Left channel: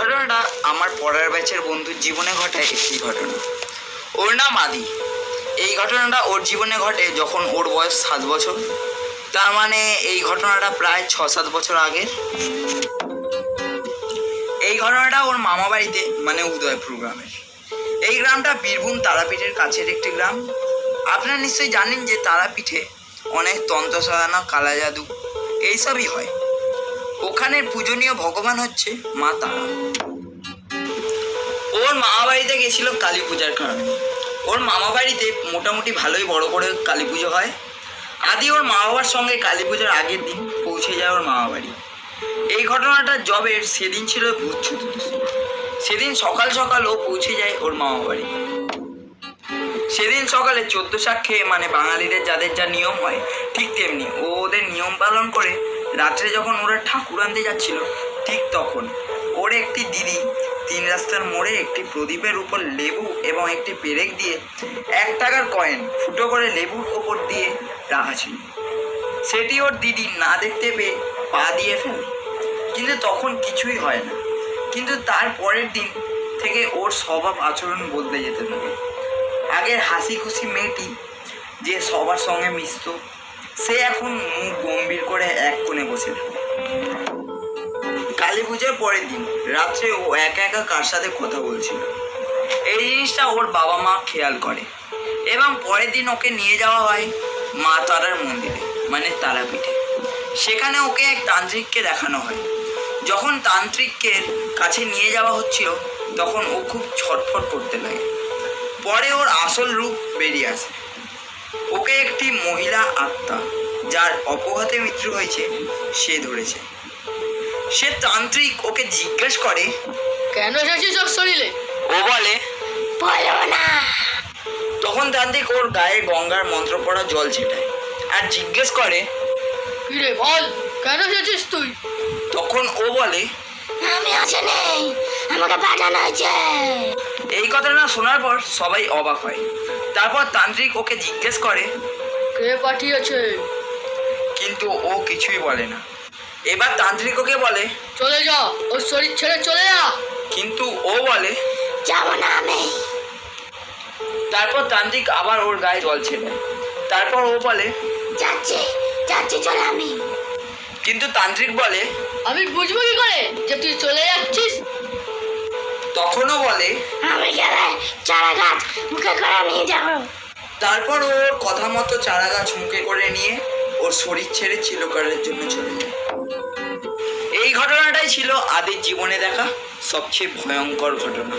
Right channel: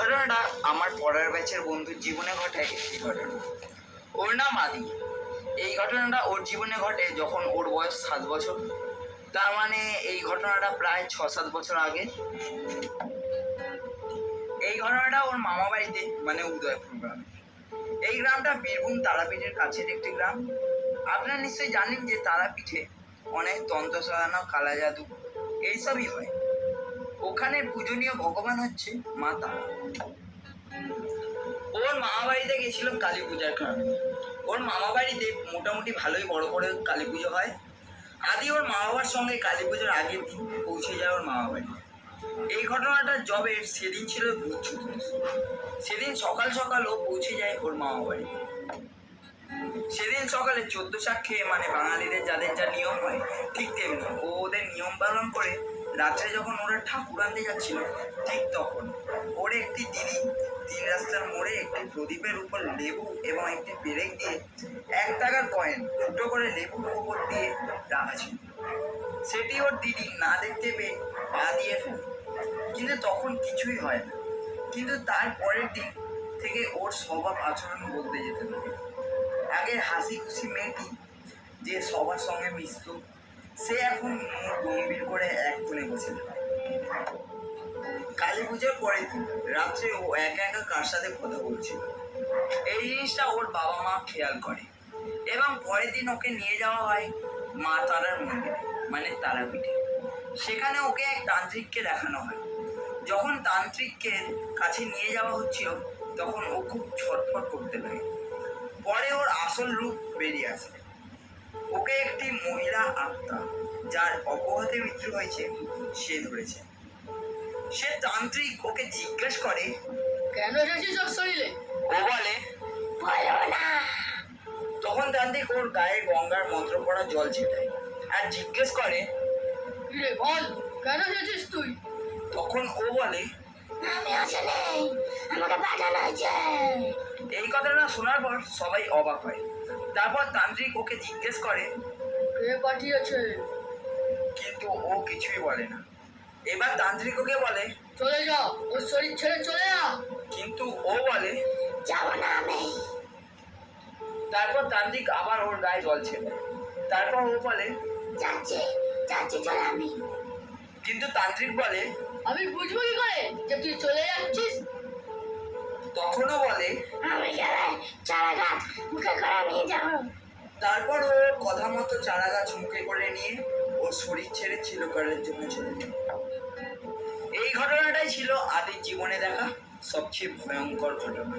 ঘটনাটা আমার পড়ার ব্যাচের বন্ধুর জীবনে ঘটে একটি ঘটনা। ওর নাম আদি। এই ঘটনাটা ওর জীবনে ঘটে যখন ওর বয়স 7 বছর। তার মানে এই ঘটনাটা প্রায় 6-7 বছর আগের। এই ঘটনাটা ওর মামা বাড়িতে মানে উদয়পুর গ্রামের। এই গ্রামটা বীরভূম তারাপীঠের কাছের একটি গ্রাম। আপনারা নিশ্চয়ই জানেন যে তারাপীঠে অনেক তন্ত্র সাধনা, কালা জাদু এইসবই হয়। ওখানের পূজনীয় ভগবান হচ্ছে মা তারা। ওর মামা বাড়িতে গেছিল কালী পূজার কারণে। ওর মামা বাড়িতে মোটামুটি ভালোই বড় করে কালী পুজো হয়। আদি ওর মা বাবার সঙ্গে কালী পূজার আগের দিন পৌঁছে যায় ওর মামা বাড়ি। এই ঘটনাটা জবের সেদিন ছিল ভূত চতুর্দশী। সেদিন সকাল সকাল ও পৌঁছে যায় ওর মামা বাড়ি। সেদিন সকালে 14 শাক খেয়ে মানে বাঙালিদের যাদের যা নিয়ম হয় ঠিক তেমনি ও ওদের নিয়ম পালন করে রাত্রে যখন ওরা ঠাকুর আনতে যাচ্ছিল ঠিক তখন ওর একটি দিদি 3 রাস্তার মোড়ে একটি প্রদীপের উপর লেবু এবং একটি পেরেক দিয়ে 1 টাকার কয়েন ফুটো করে লেবুর ওপর দিয়ে রাখা ছিল। সেটি ওর দিদি না দেখতে পেয়ে পা দিয়ে ফেলে, কিন্তু তখন কিছুই হয় না। কিন্তু তার পরের দিন থেকে ওর স্বভাব আচরণ বদলে যেতে থাকে। আগের হাসি খুশি মেয়েটি যে সবার সঙ্গে মিশত সে এখন মুখ গম্ভীর করে এক কোণে বসে থাকে। কালী পুজোর পরের দিন রাত্রে ও একা একা কার সাথে কথা বলছিল, এই জিনিসটা ওর বাবা মা খেয়াল করে এবং পরের দিন ওকে নিয়ে যাওয়া হয় মা তারার মন্দিরে মানে তারাপীঠে। সেখানে ওকে এক তান্ত্রিককে দেখানো হয়। যখন তান্ত্রিকের কাছে নিয়ে যাওয়া হচ্ছিল তখন ও খুব ছটফট করতে লাগে। পরে ওর আসল রূপ বেরিয়ে আসে। ওকে একটি মহিলা আত্মা যার অপঘাতে মৃত্যু হয়েছে সে ধরেছে। সে তান্ত্রিক ওকে জিজ্ঞেস করে, কেন এসেছিস ওর শরীরে? ও বলে, বলো না। তখন তান্ত্রিক ওর গায়ে গঙ্গার মন্ত্র পড়া জল ছেটায় আর জিজ্ঞেস করে, কিরে বল, কেন এসেছিস তুই? তখন ও বলে, আমি আছি নেই, আমাকে পাঠানো হয়েছে। এই কথাটা শোনার পর সবাই অবাক হয়। তারপর তান্ত্রিক ওকে জিজ্ঞেস করে, কে পাঠিয়েছে? কিন্তু ও কিছুই বলে না। এবার তান্ত্রিক ওকে বলে, চলে যা, ওর শরীর ছেড়ে চলে যা। কিন্তু ও বলে, যাব না আমি। তারপর তান্ত্রিক আবার ওর গায়ে জল ছেটায়। তারপর ও বলে, যাচ্ছি যাচ্ছি, চলে আমি। কিন্তু তান্ত্রিক বলে, আমি বুঝবো কি করে যে তুই চলে যাচ্ছিস? তখনও বলে, আমি গেলে চারা গাছ মুখে করে নিয়ে যাবো। তারপর ওর কথা মতো চারা গাছ মুখে করে নিয়ে ওর শরীর ছেড়ে চিরকালের জন্য চলে যায়। এই ঘটনাটাই ছিল আদির জীবনে দেখা সবচেয়ে ভয়ঙ্কর ঘটনা।